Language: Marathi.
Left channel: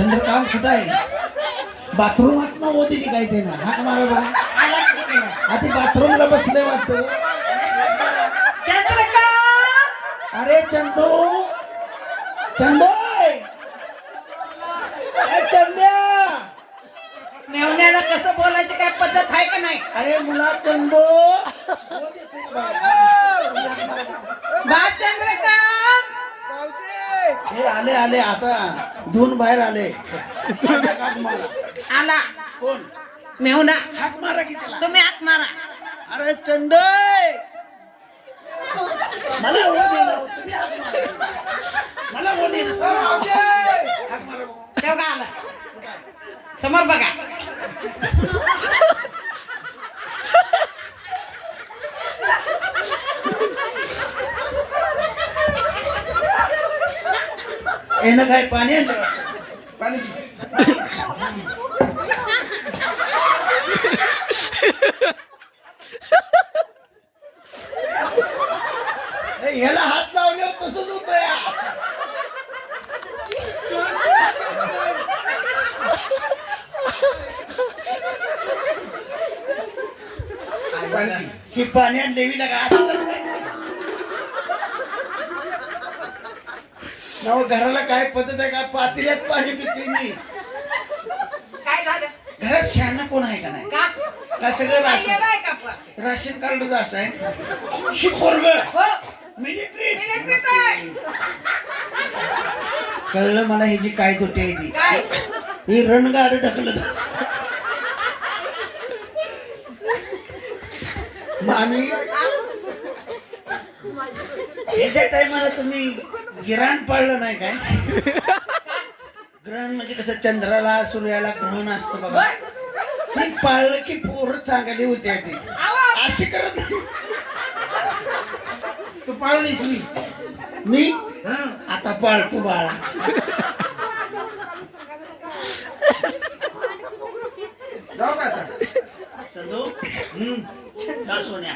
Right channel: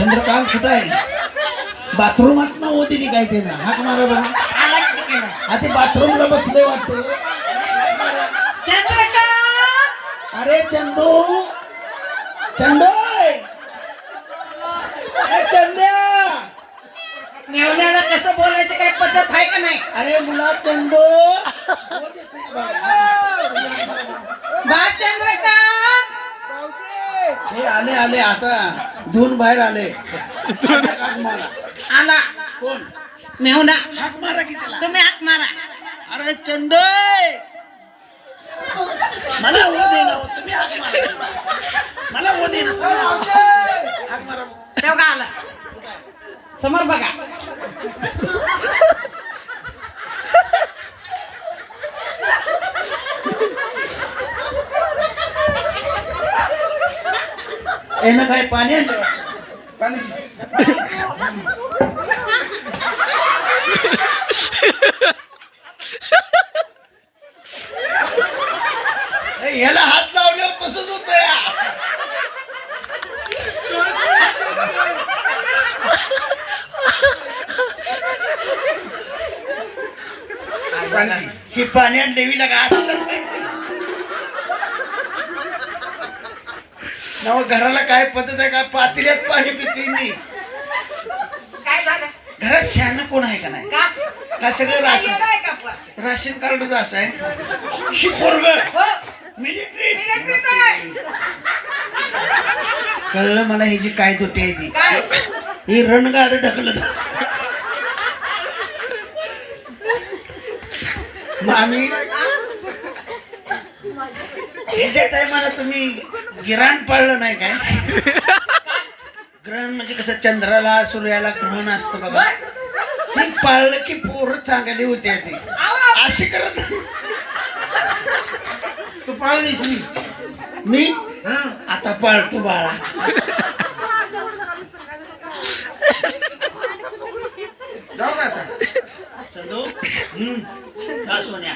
चंद्रकांत कुठं आहे? बाथरूमात ना होती की काय ते ना हाक मारा बघा. आता बाथरूमला बसले वाटतं. चंद्रकांत! अरे चंदू! चंदू मेवण्याला कसं बोलायचं काय पद्धत आहे का नाही? अरे मुला चंदू! बा चंद्रकांत हे आले आले आता धुवून बाहेर आले. आला. कोण? मेवना हाक मारा की त्याला. तुम्ही हाक मारा. अरे चंदय मला हो दे ना तुम्ही हाक मारा. मला हो दे ना. हाक मारा तेवढा आला? समोर बघा. येणं काय पाणी आणलं पाणी ह्याला हात लावल्यावर तसंच होत या ही पाण्यात देवीला का असं नव घराला काय पद्धत आहे का? पातेल्यात पाणी पिते मी. काय झालं? घरात शहाणं कोण आहे का नाही? का? का सगळं राशन? येडं आहे का आपलं? राशन कार्डच असं आहे? हो. मिलिटरी आहे. कळलं मला ह्याची काय तुटे आहे ती. काय? ही रणगाड ढकलत मग आम्ही ह्याच्या टायमाला तुम्ही गिराण पाळलं नाही काय? ग्रहण म्हणजे कसं चंद्राला सूर्याला ग्रहण असतं बघा. हे पाळलं की पोरं चांगली होते ती. अशी करत. तू पाळलीस मी. मी? आता पाळतो बाळा. जाऊ का सोन्या.